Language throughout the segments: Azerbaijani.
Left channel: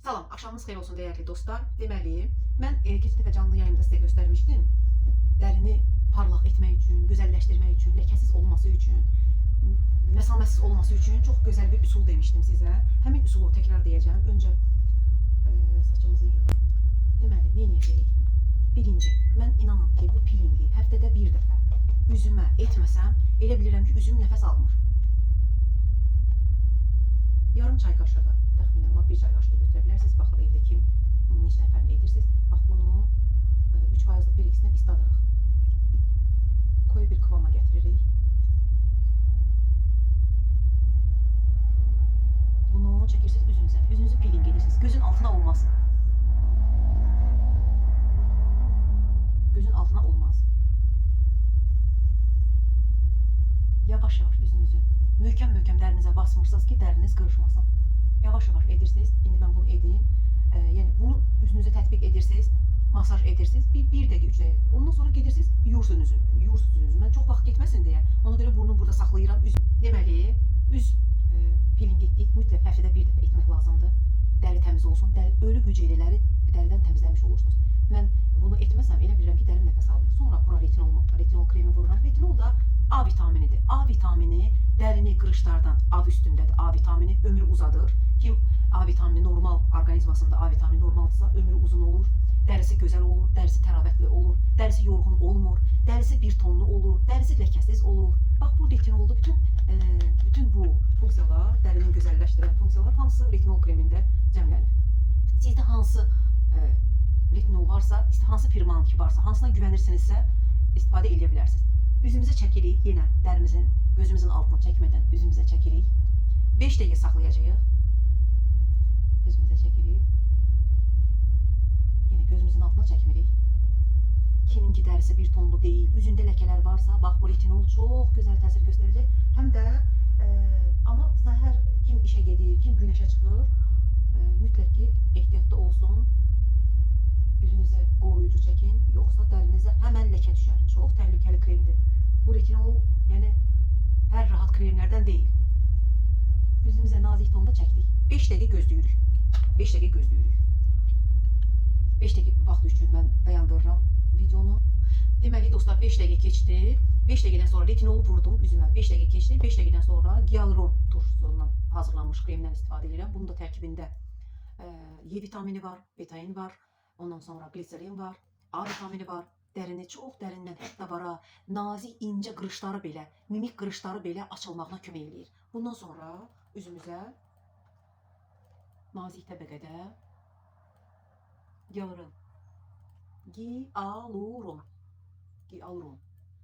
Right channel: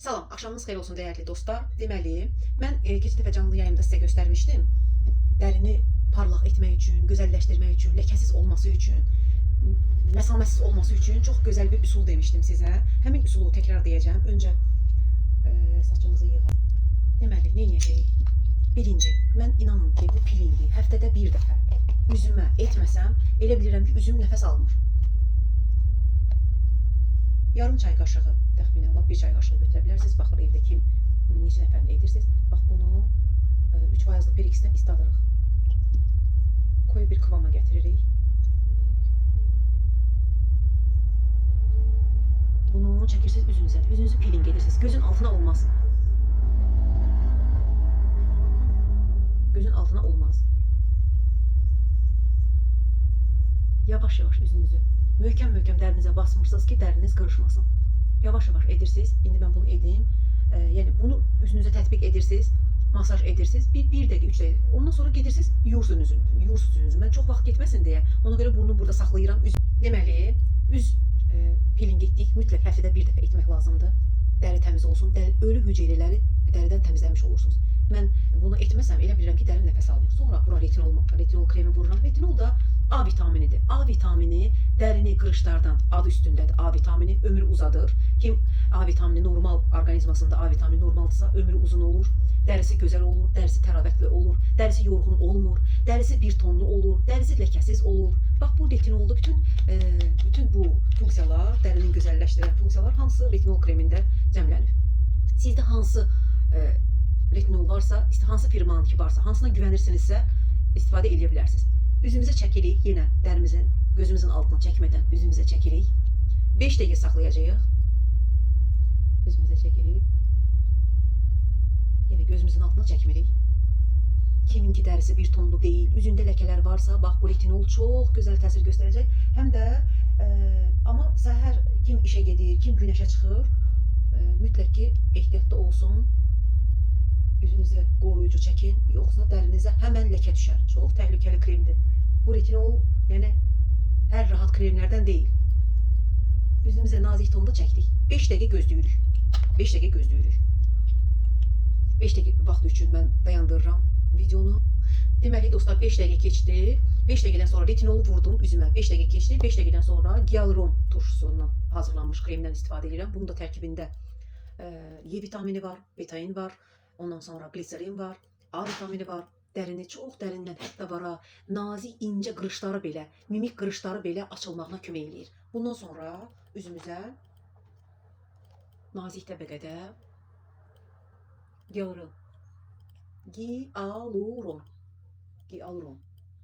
Salam, axşamınız xeyir olsun dəyərli dostlar. Deməli, mən keçən dəfə canlı yayımda sizə göstərmişdim. Dərini parlaq etmək üçün, gözəlləşdirmək üçün, ləkəsiz olması üçün, məsafəsiz olması üçün çox gözəl bir üsul demişdim sizə. Həmin üsulu təkrar deyəcəm. Öncə saçımızı yığaq. Deməli, nə edəcəyik? Birinci, mən inanın ki, bu pilingi həftədə bir dəfə üzümə etməsəm, elə bilirəm ki, üzüm nəfəs almır. Yarım çay qaşığı, təxminən bir çay qaşığı götürə bilərsiniz. Baxır evdə kim, neçə nəfərlə edirsiniz. Bax, bunu 3% periksdən isladırıq. Koyu bir kıvama gətiririk. Bunu çəkirsiniz üzünüzə. Üzünüzü peeling edirsiniz. Gözün altına olmaz. Gözün altına olmaz. Yavaş-yavaş üzünüzü möhkəm-möhkəm dərinizə basmırsınız ki, dəriniz qırışmasın. Yavaş-yavaş edirsiniz. İndi mən bunu edeyim. Yəni bunu üzünüzə tətbiq edirsiniz, masaj edirsiniz. Bir dəqiqə, 3 dəqiqə. Ondan sonra gedirsiniz, yuyursunuz üzünüzü. Mən çox vaxt getməsin deyə, ona görə burnu burada saxlayıram. Deməli, üz peeling etdik. Mütləq həftədə bir dəfə etmək lazımdır. Dəri təmiz olsun. Ölü hüceyrələri dəridən təmizləmiş olursunuz. Mən bunu etməsəm, elə bilirəm ki, dərim nəfəs almır. Sonra bura retinol kremi vururam. Retinol da A vitaminidir. A vitamini dərini qırışlardan, adı üstündədir. A vitamini ömrü uzadır. Kim A vitamini normal orqanizmasında A vitamini normaldırsa ömrü uzun olur. Dərisi gözəl olur, dərisi təravətli olur, dərisi yorğun olmur, dərisi bir tonlu olur, dərisi ləkəsiz olur. Bax, bu retinolda bütün bu funksiyalar, dərinin gözəlləşdirən funksiyalar hansı retinol kremində cəmlənir. Sizdə hansı retinol varsa, hansı firmanın ki varsa, hansına güvənirsinizsə istifadə edə bilərsiniz. Üzümüzə çəkirik, yenə dərimizin, gözümüzün altına çəkmədən üzümüzə çəkirik. 5 dəqiqə saxlayacağıq. Üzümüzə çəkirik. Yenə gözümüzün altına çəkmirik. Kiminki dərisi bir tonlu deyil, üzündə ləkələr varsa, bax, bu retinol çox gözəl təsir göstərəcək. Həm də, amma səhər kim işə gedir, kim günəşə çıxır, mütləq ki, ehtiyatda olsun. Üzünüzə qoruyucu çəkin, yoxsa dərinizə həmən ləkə düşər. Çox təhlükəli kremdir. Bu retinol, yəni, hər rahat kremlərdən deyil. Üzümüzə nazik tonda çəkdik. 5 dəqiqə gözləyirik. 5 dəqiqə gözləyirik. 5 dəqiqə vaxt üçün mən dayandırıram videonu. Deməli, dostlar, 5 dəqiqə keçdi. 5 dəqiqədən sonra retinolu vurdum üzümə. 5 dəqiqə keçdi. 5 dəqiqədən sonra Hyaluron turşusundan hazırlanmış kremdən istifadə edirəm. Bunun da tərkibində E vitamini var, betain var. Ondan sonra gliserin var, A vitamini var. Dərini çox dərindən, hətta vara, nazik, incə qırışları belə, mimik qırışları belə açılmağına kömək eləyir. Bundan sonra üzümüzə nazik təbəqədə Hyaluron.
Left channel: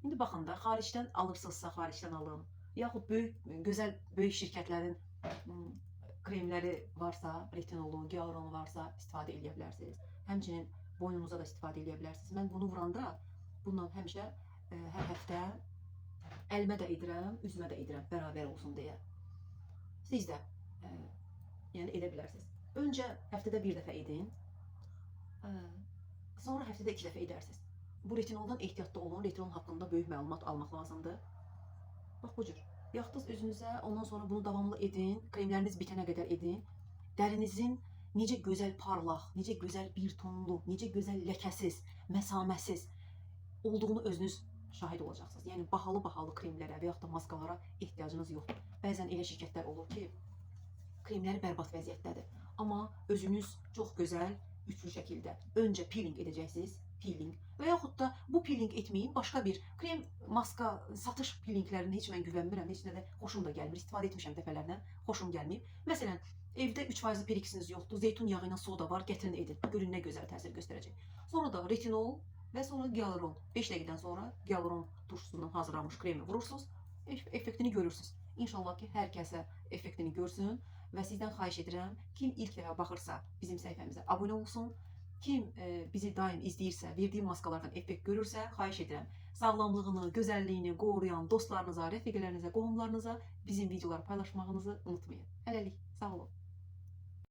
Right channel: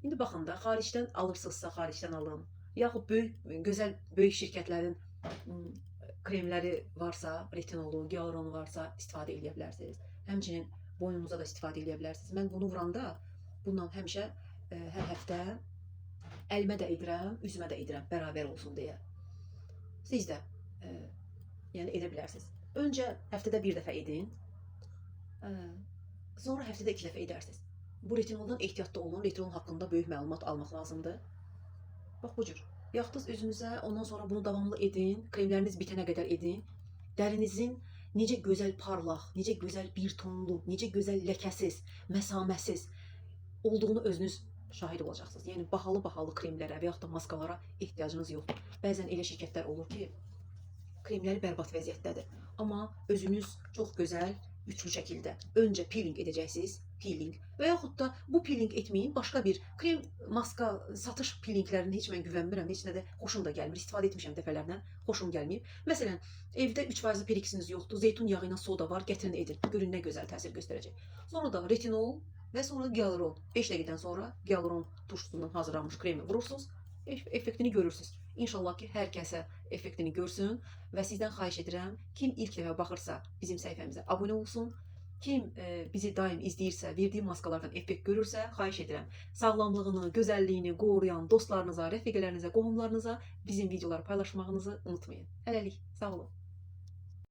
İndi baxın da, xaricdən alırsınızsa xaricdən alın. Yaxud gözəl böyük şirkətlərin kremləri varsa, retinolu, Hyaluron varsa istifadə edə bilərsiniz. Həmçinin boynunuza da istifadə edə bilərsiniz. Mən bunu vuranda, bundan həmişə hər həftə əlimə də edirəm, üzümə də edirəm, bərabər olsun deyə. Siz də yəni edə bilərsiniz. Öncə həftədə bir dəfə edin, sonra həftədə 2 dəfə edərsiniz. Bu retinoldan ehtiyatda olun, retinol haqqında böyük məlumat almaq lazımdır. Bax, bu cür. Yaxdınız üzünüzə, ondan sonra bunu davamlı edin, kremləriniz bitənə qədər edin. Dərinizin necə gözəl parlaq, necə gözəl bir tonlu, necə gözəl ləkəsiz, məsaməsiz olduğunu özünüz şahid olacaqsınız. Yəni, bahalı kremlərə və yaxud da maskalara ehtiyacınız yoxdur. Bəzən elə şirkətlər olur ki, kremləri bərbad vəziyyətdədir. Amma özünüz çox gözəl, üçlü şəkildə öncə peeling edəcəksiniz, və yaxud da bu peeling etməyin, başqa bir krem, maska, satış peelinglərini heç mən güvənmirəm, heç nə də xoşum da gəlmir, istifadə etmişəm dəfələrlə, xoşum gəlməyib. Məsələn, evdə 3% periksiniz yoxdur, zeytun yağı ilə soda var, gətirin edin, görün nə gözəl təsir göstərəcək. Sonra da retinol və sonra Hyaluron. 5 dəqiqədən sonra Hyaluron turşusundan hazırlanmış kremi vurursunuz, effektini görürsünüz. İnşallah ki, hər kəsə effektini görsün və sizdən xahiş edirəm, kim ilk dəfə baxırsa bizim səhifəmizə abunə olsun, kim bizi daim izləyirsə, verdiyi maskalardan effekt görürsə, xahiş edirəm, sağlamlığını, gözəlliyini qoruyan dostlarınıza, rəfiqələrinizə, qohumlarınıza bizim videoları paylaşmağınızı unutmayın. Hələlik, sağ olun.